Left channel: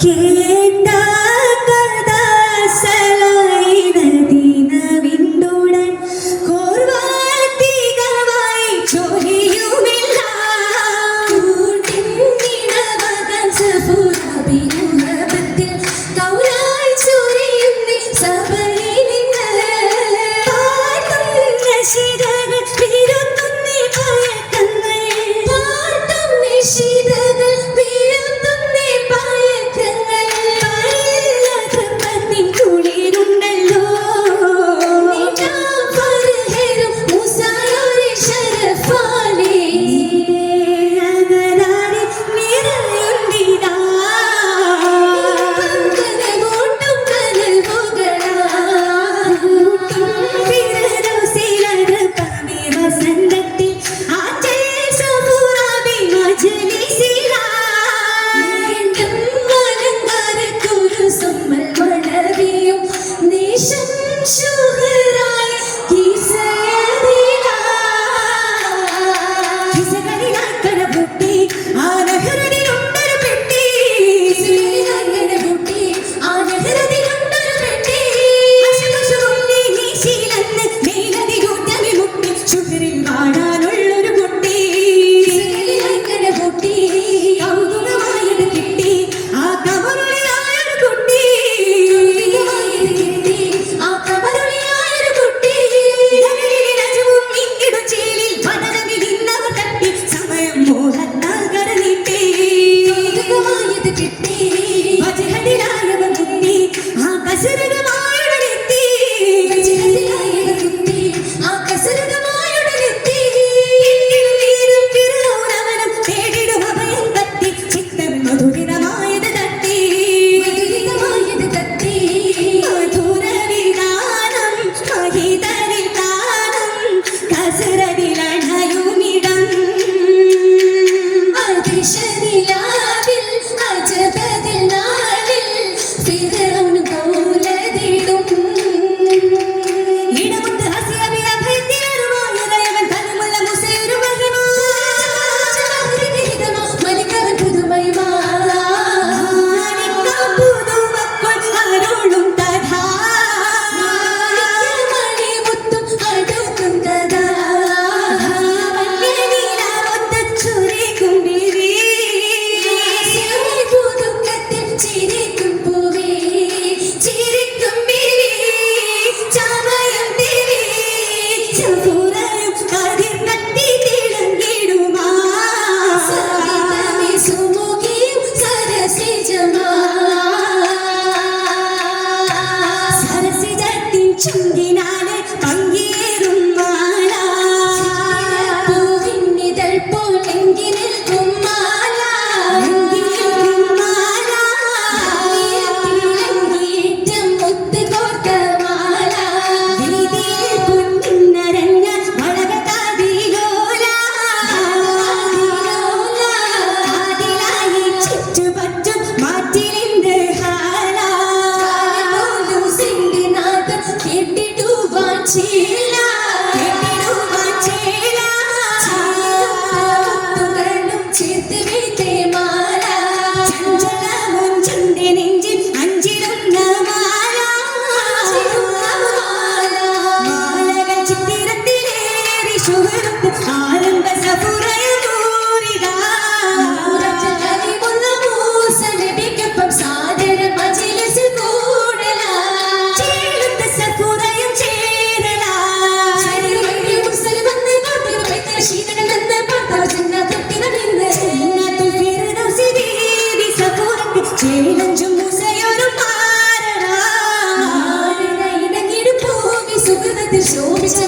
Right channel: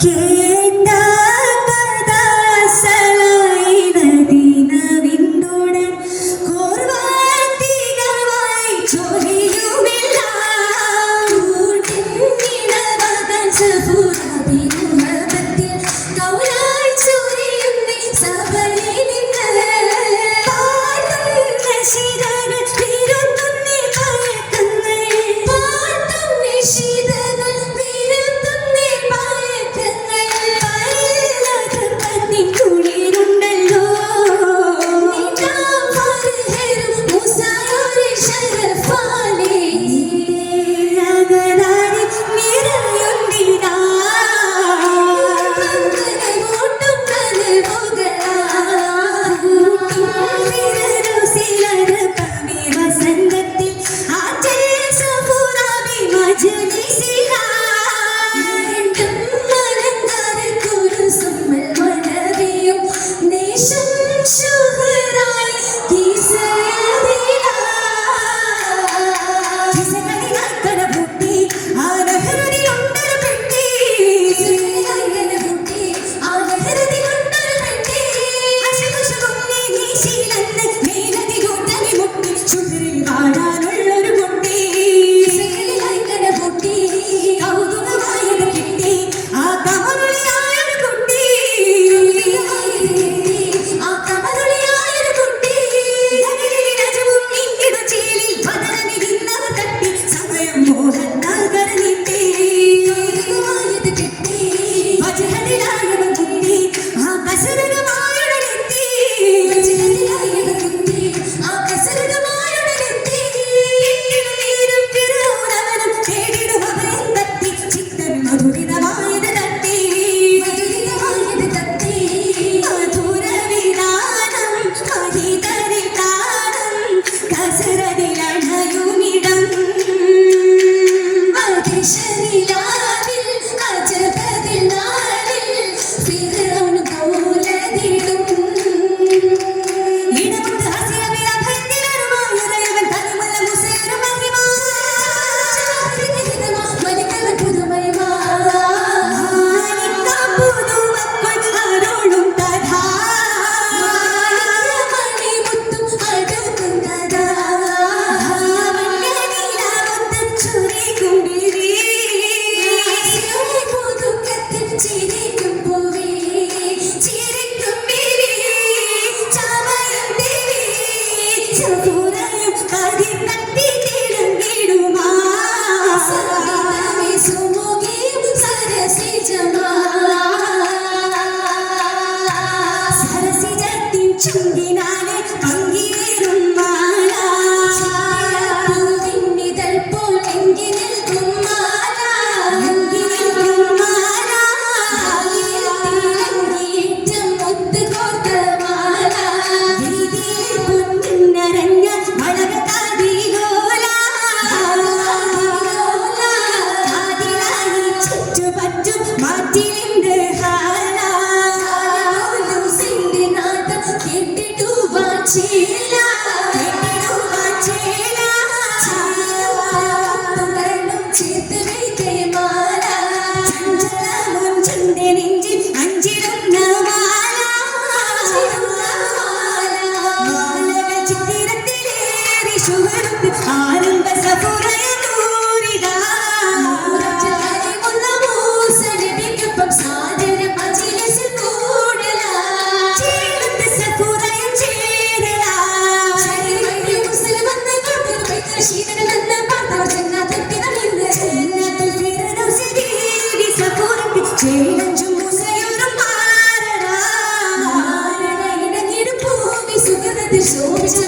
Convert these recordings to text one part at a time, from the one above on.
Kingdom. ചുണ്ടിനാലെ ശോഭിച്ച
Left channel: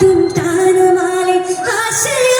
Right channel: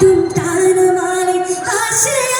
তুম তানো মালে আসে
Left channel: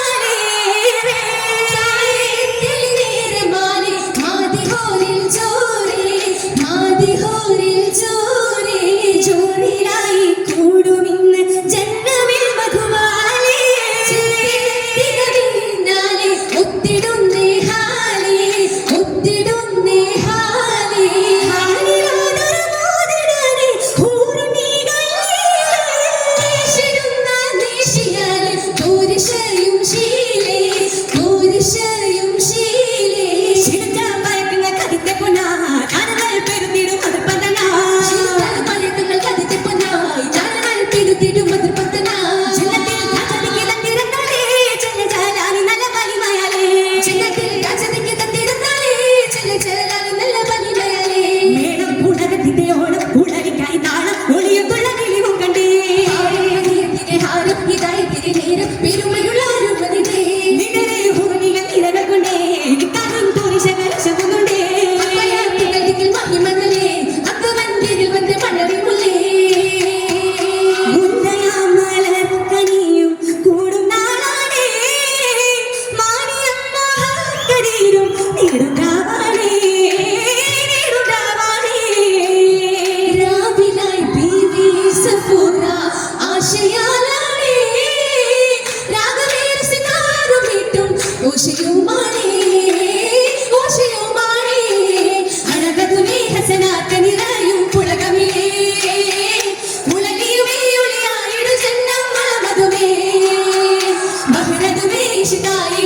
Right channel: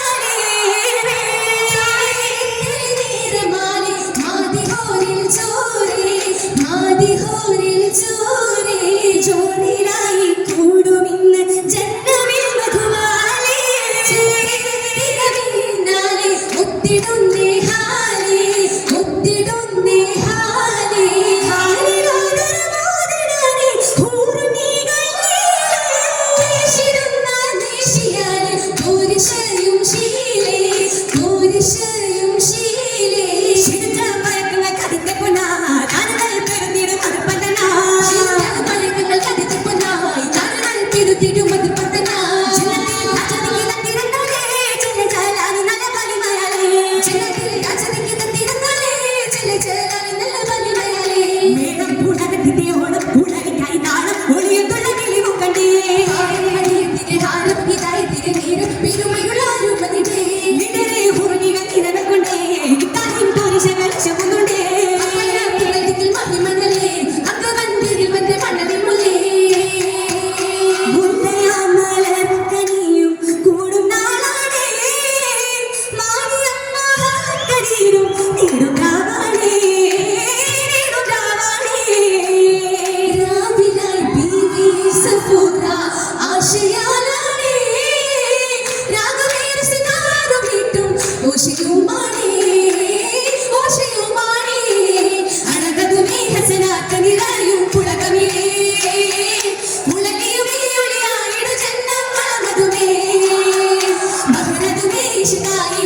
期待。